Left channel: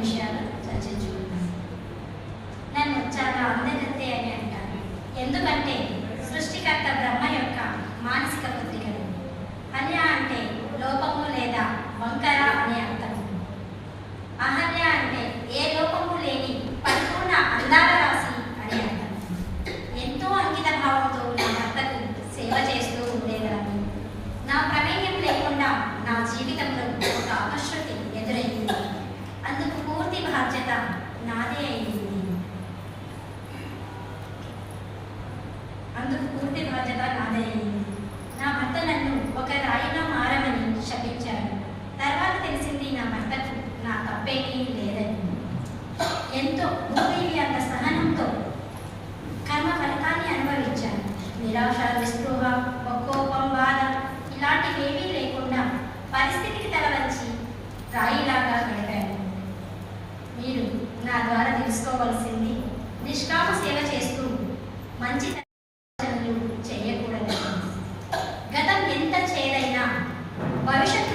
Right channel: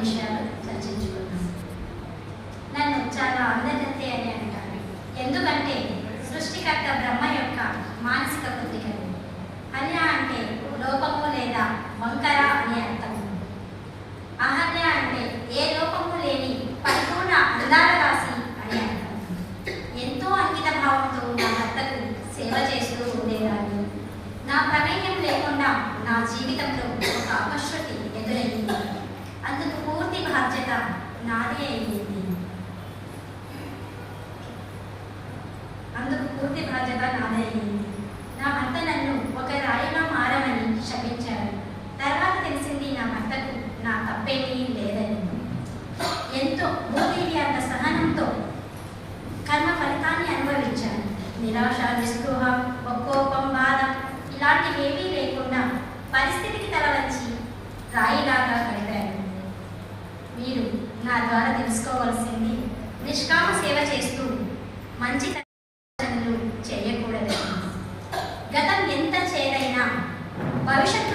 విషయాలు చర్చించుకుందాం. నన్ను చాలా అందగత్తె అని అంటారు. ఎందుకంటే సృష్టికర్త బ్రహ్మ యొక్క మానసిక పుత్రికలు. అన్య అంటే లోపము లేదా వంకర అనే అర్థం. అహన్య అంటే ఏ లోపము లేని పరిపూర్ణ అందాల రాశి అనే అర్థం. ఎంతో అంకిత భావంతో నా భర్తకు సేవ చేస్తూ ఉండేదాన్ని. నా ప్రమేయం లేకుండా నా జీవితంలో ఒక అపశృతి ఎదురయ్యింది. అందుకు పూర్తి బాధ్యత నాదే అయింది. నా భర్త నన్ను ఒక రాయిగా మారమని శపించాడు. తర్వాత తెలిసింది నా భర్తకు నా తప్పేమీ లేదని. ఎంతో భూమికి అంత సహనంతో కర్మ ఫలితాన్ని అనుభవించాను. నిరాశ, నిస్పృహ, కోపం, బాధ ఇలాంటివేమీ లేకుండా పరిస్థితికి తలవంచి రాయిలాగా గడిపాను. మీరు నా ద్వారా తెలుసుకోవలసింది, నిష్కామ సేవ చేస్తూ మంచి చేయకూడదు. గతం ఎంత చేదైనా భవిష్యత్తు